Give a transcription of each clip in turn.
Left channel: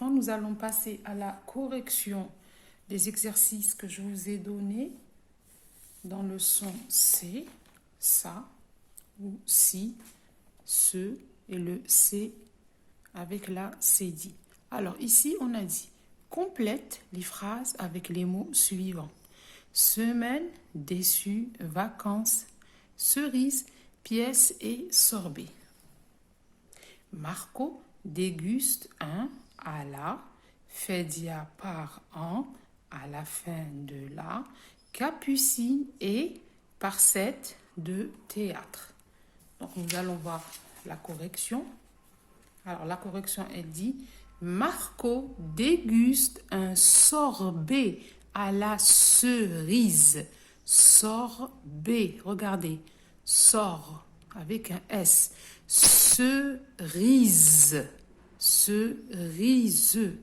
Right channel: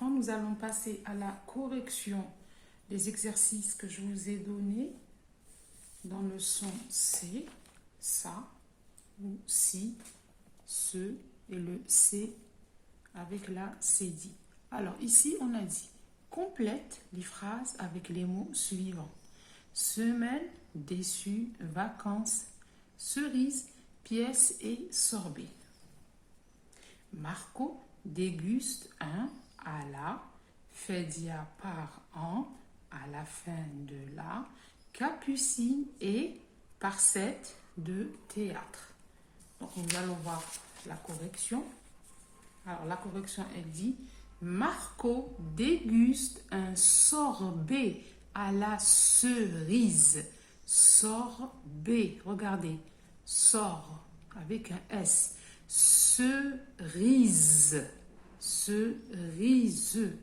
enfants, nous allons passer à la correction des exercices que je vous ai donnés dans le son C, ça, ou si, ce, et le C avec la cédille. Alors ici, on a dit, complète les phrases avec les mots suivants. Semaine, déçu, vacances, cerise, pièce et sorbet. Marco déguste un à la, Fédia part en, à la fin de la, Capucine et Parcette de théâtre. Donc nous allons voir la correction. Alors la correction, elle dit Marco déguste un sorbet à la cerise. Sorbet, regardez, sort avec un S. Cerise, cerise.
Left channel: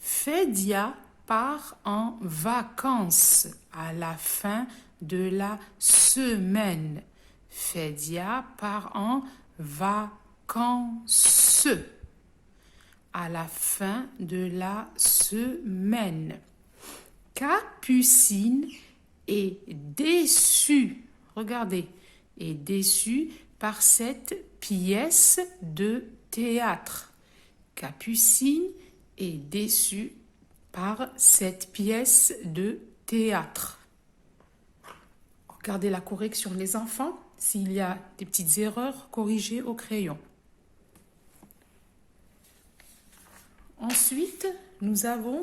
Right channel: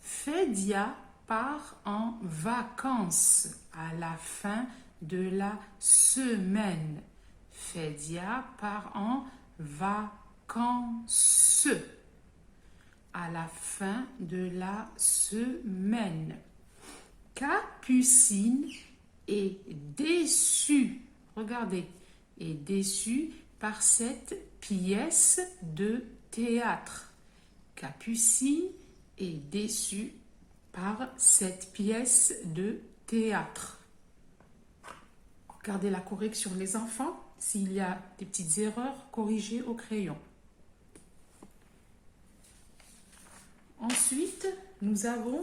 Fédia part en vacances à la fin de la semaine. Fédia part en vacances à la fin de la semaine. Capucine est déçue, regardez, est déçue par cette pièce de théâtre. Capucine est déçue par cette pièce de théâtre. Regardez la correction, les enfants. S'il y a des petites erreurs, corrigez au crayon. Ensuite, nous avons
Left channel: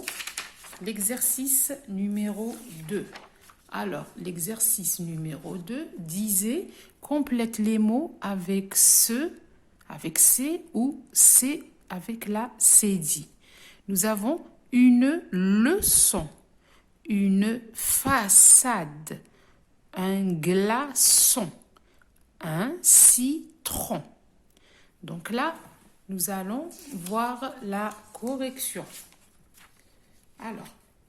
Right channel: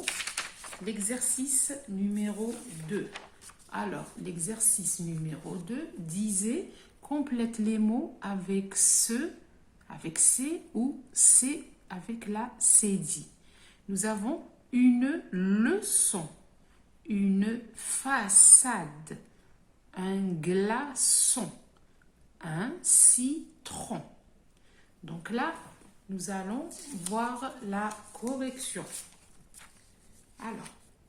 l'exercice numéro 2. Alors, l'exercice numéro 2 disait complète les mots avec ce, avec C ou C avec la cédille. Nous avons une leçon, une façade, un glaçon, un citron. Donc là, nous allons voir la correction. Alors,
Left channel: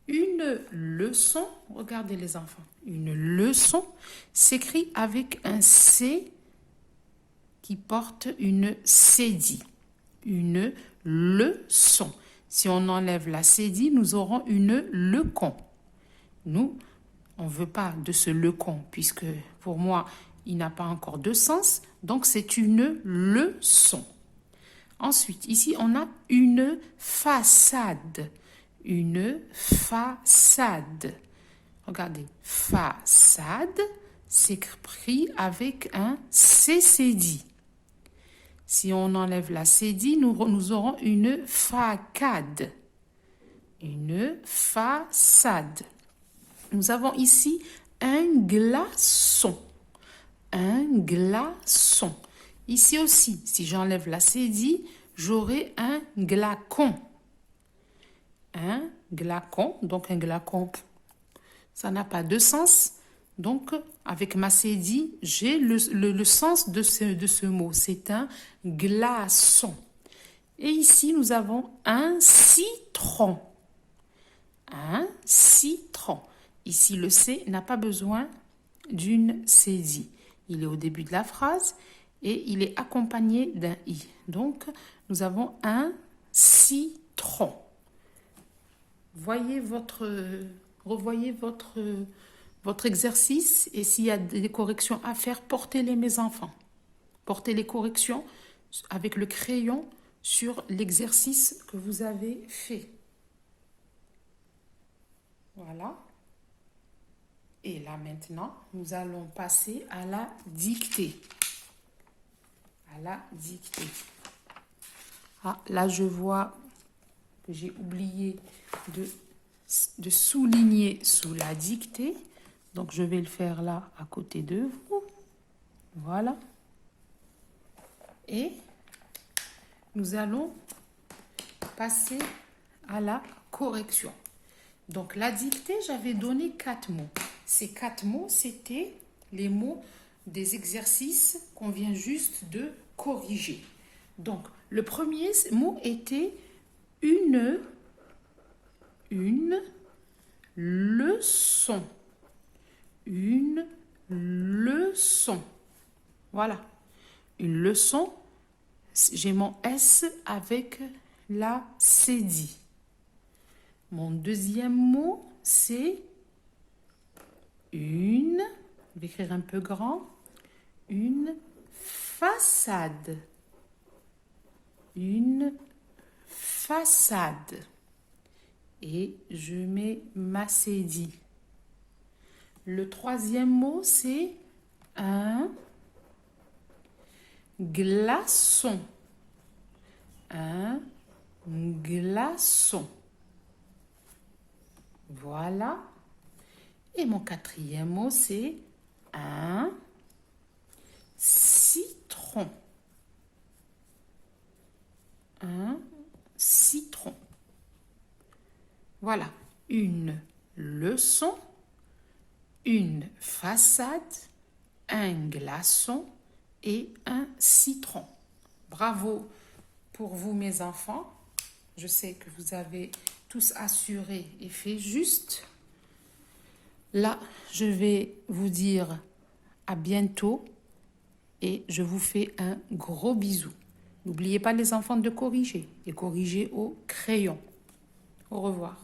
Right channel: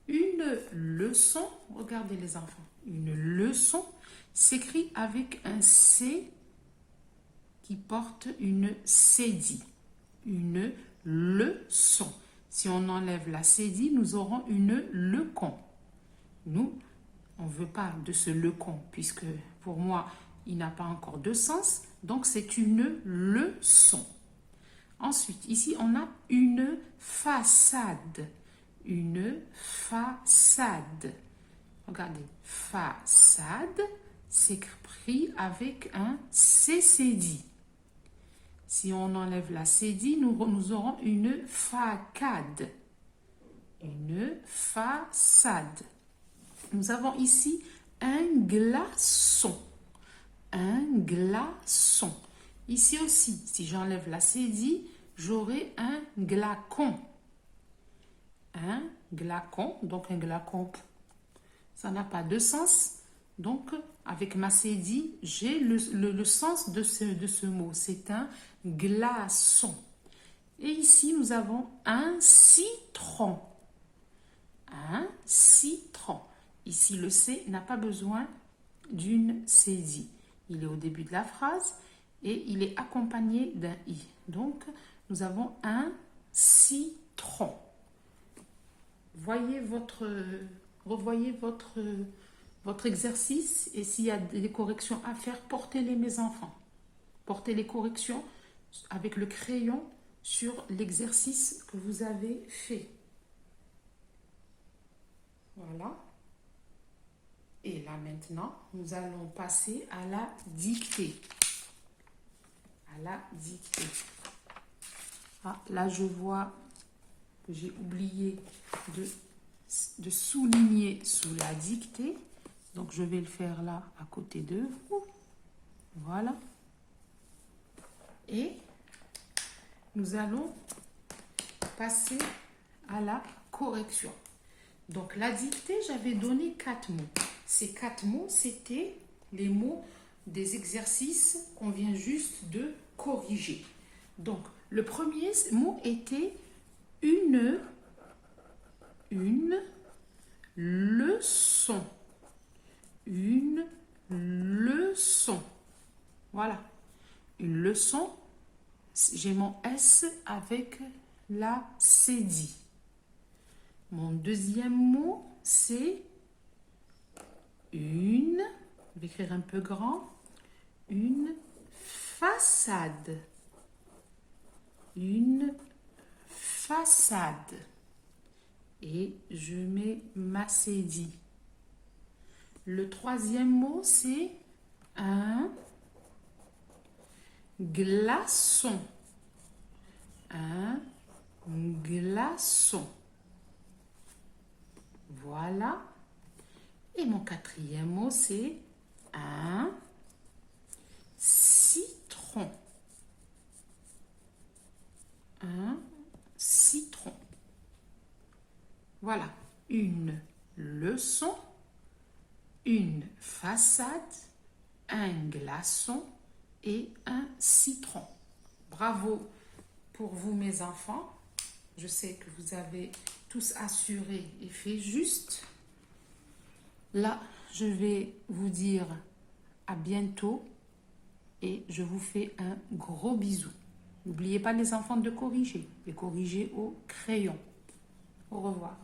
une leçon, regardez les enfants, une leçon s'écrit avec un C qui porte une cédille. Une leçon. Si on enlève la cédille, nous aurons une lecon. Nous, on ne veut pas de ce lecon, puisque pour moi, il n'a pas encore de sens. Donc, c'est une leçon. Ensuite, ici, on a une façade. Une façade. Regardez, façade s'écrit avec un C cédille. Si on enlève la cédille, nous aurons une facade. Une façade. Nous avons ici un glaçon. Un glaçon. Ici aussi, si j'enlève la cédille, j'aurai un glacon. Un glacon, donc un glacon, ça n'a pas de sens. Donc, avec ma cédille, j'ai le sens de ce mot. C'est un glaçon. Et ici, nous avons un citron. Un citron. Ici, le C n'a pas besoin d'une cédille. Il est au début de la phrase et il est accompagné d'un I. Donc, nous avons un citron. Revoyez votre exercice et s'il y a des corrections à faire, portez-les mes enfants. Portez les corrections avec le crayon sur l'exercice que vous avez fait. Voilà. Et là maintenant, nous allons passer à la dictée. À la dictée. Ah, là je vois que j'ai oublié de souligner sous la dictée. Donc, je vais le faire là, à côté de vous. Voilà. Et nous allons passer à la correction. Donc, la dictée, j'avais donné 4 mots. Ces 4 mots, c'était les mots des exercices qu'on vient juste de corriger. Donc, le premier mot était une leçon. Une leçon. Voilà. Une leçon, j'ai mon S avec là, c'est dit. Mon deuxième mot, c'est une, je vais écrire un peu grand, une façade. Une façade. Et je mets ma cédille. Le troisième mot, c'est un glaçon. Un glaçon. Voilà. Et mon quatrième mot, c'est un citron. Un citron. Voilà. Une leçon, une façade, un glaçon et un citron. Bravo pour vous, mes enfants. Je sais que vous avez tous assuré et fait juste. Là, je vais vous dire à bientôt et je vous fais un gros bisou. N'oubliez pas, les enfants, de corriger et corriger au crayon. Au revoir.